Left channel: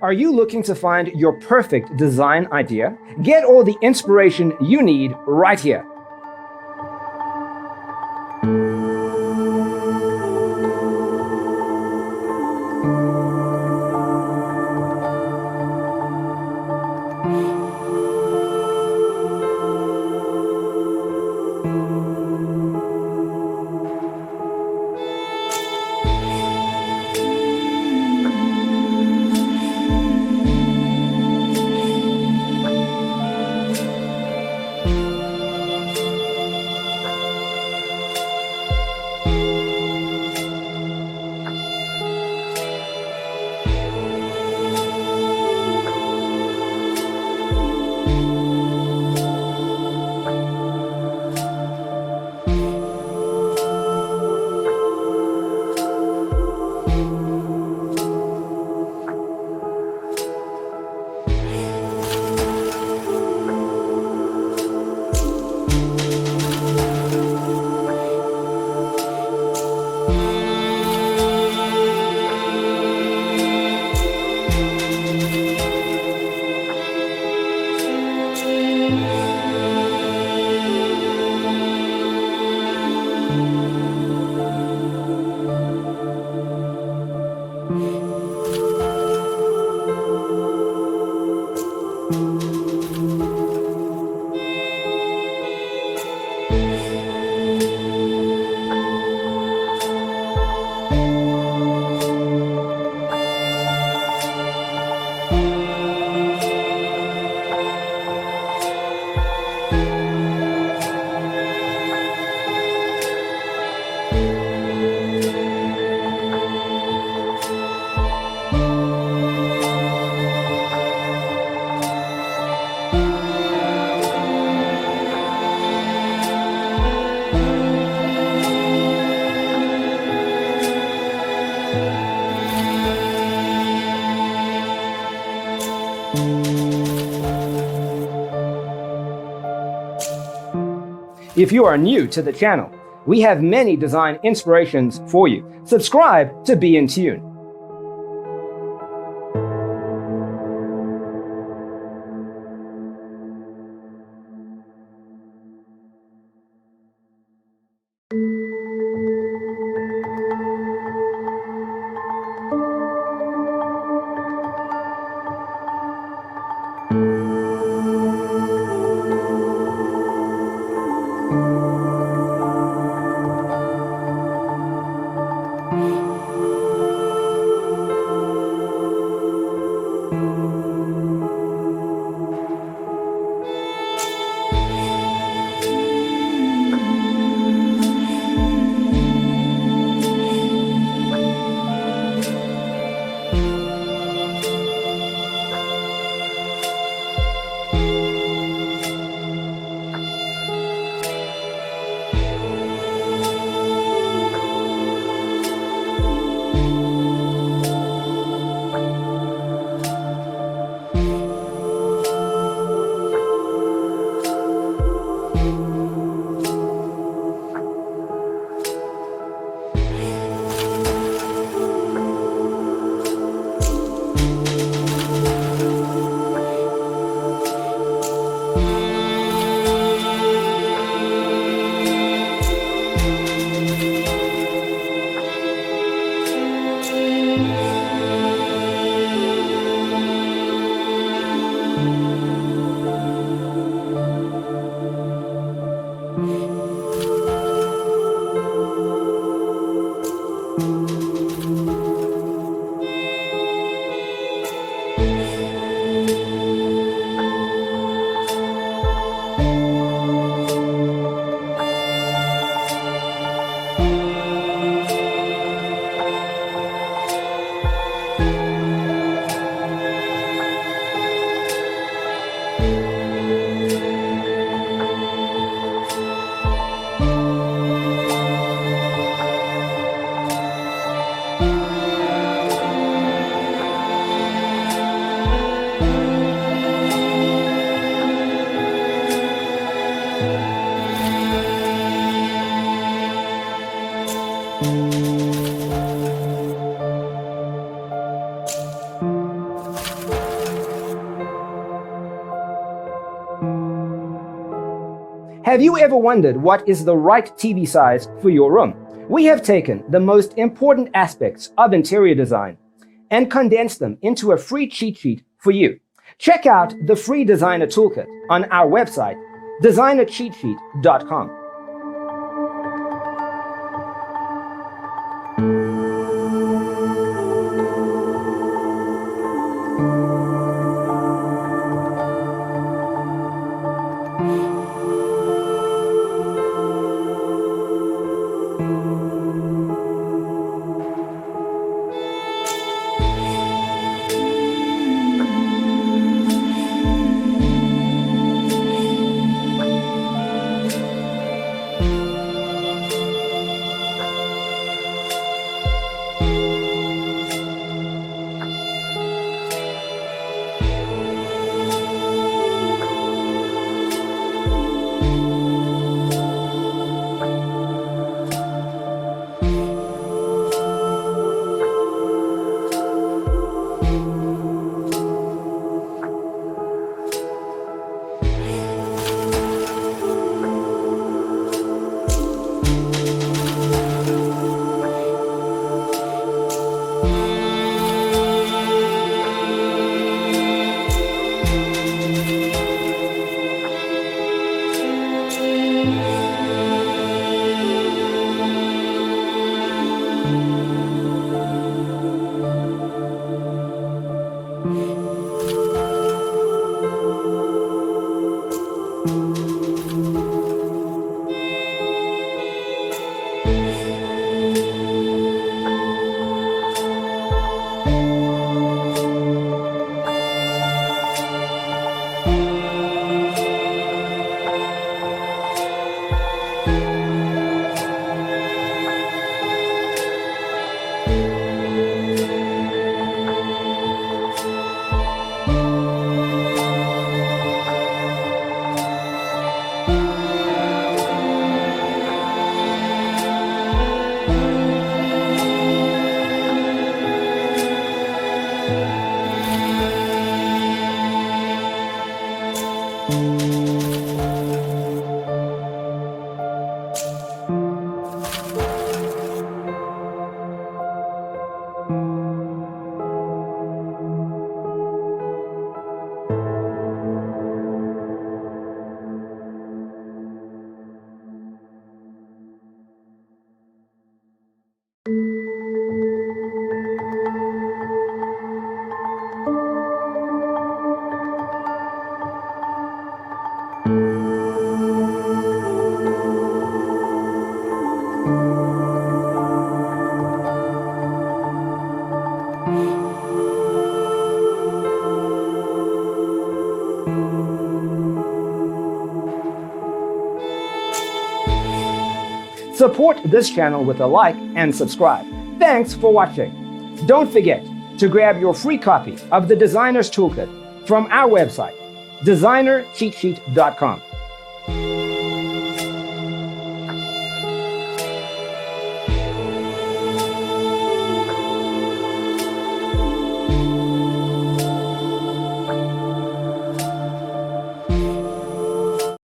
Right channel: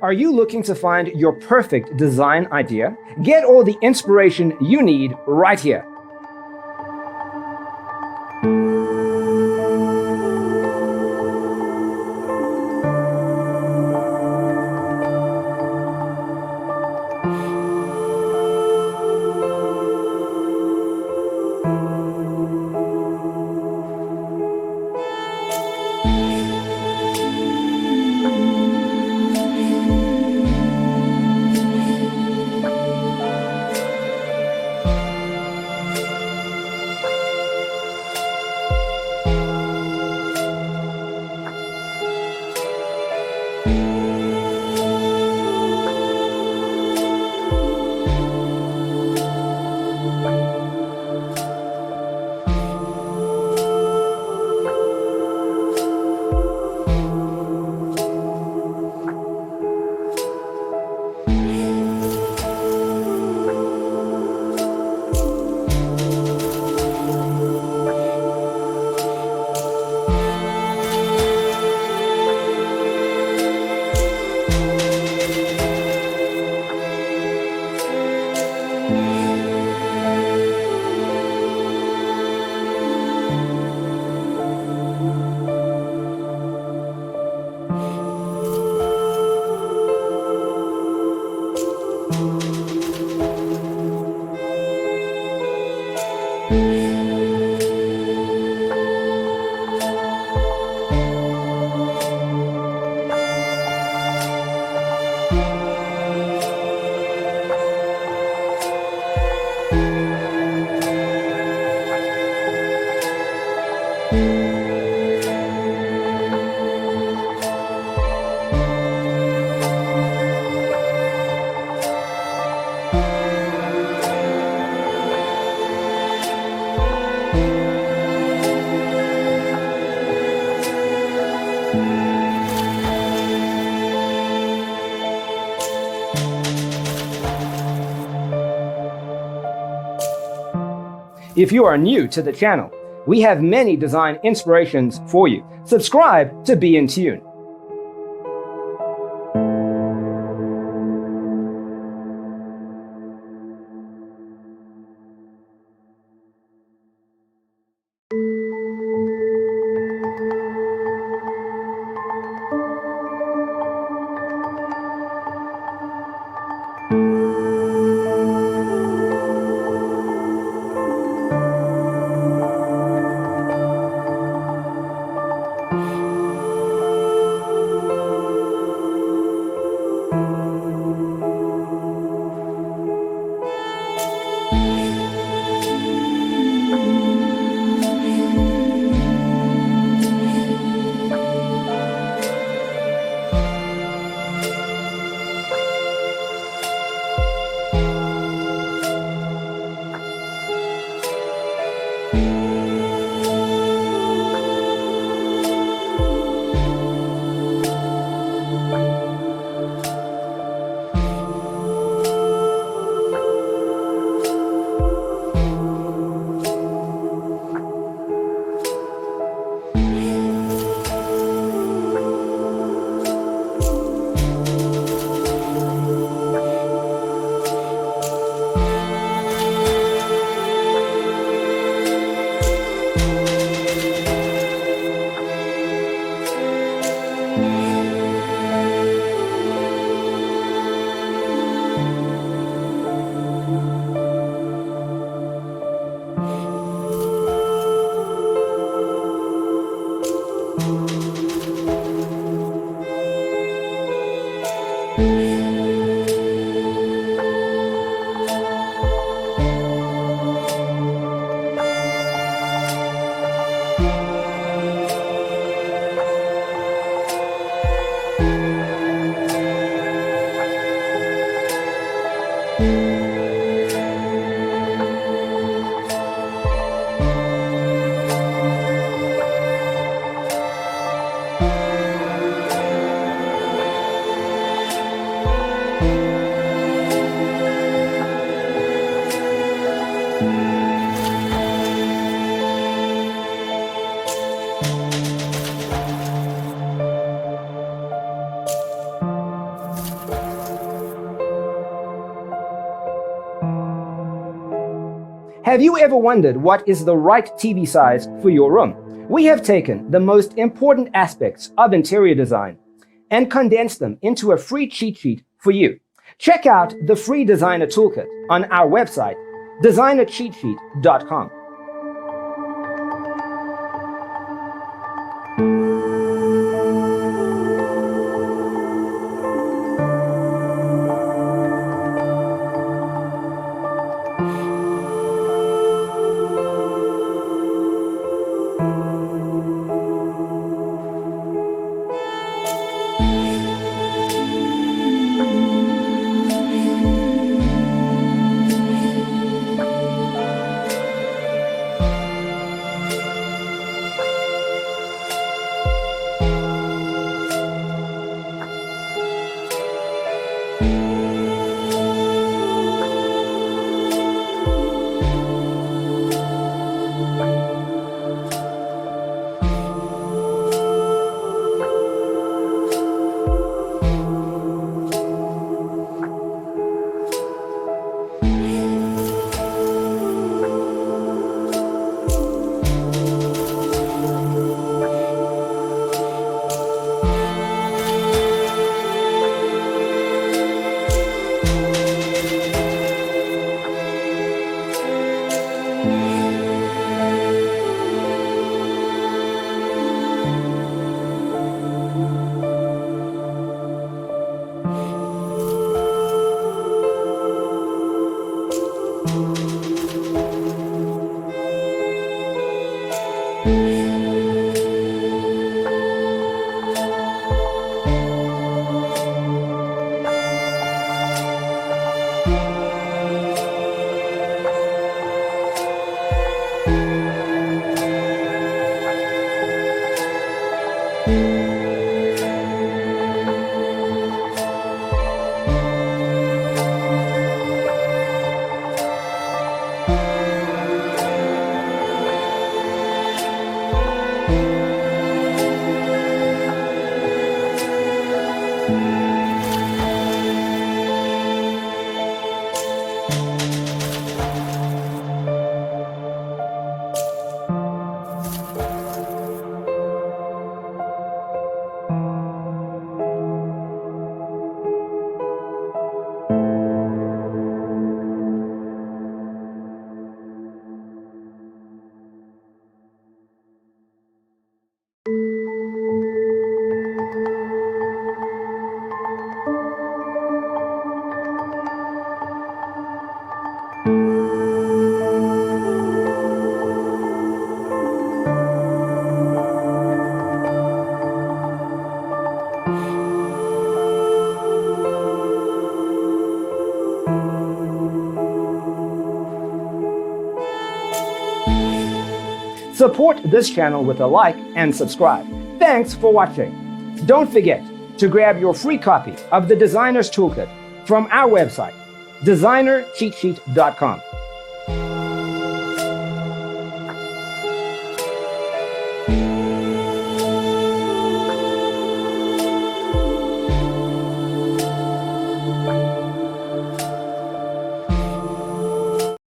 Are you looking to find your perfect design idea? Get all the inspiration you need right here. If you are new to the channel, we have many design inspirations for you. Subscribe to be in tune. Have you ever wondered what is the right TV size for your room? We have taken the most important aspects of interior design and condensed them into a free cheat sheet for you. Check out the free designer toolkit on our website, designercheatsheet.com. Support this channel with a like and subscribe. Thanks for watching. Don't forget to grab your free copy of the Designer's Toolkit from our website, designercheatsheet.com.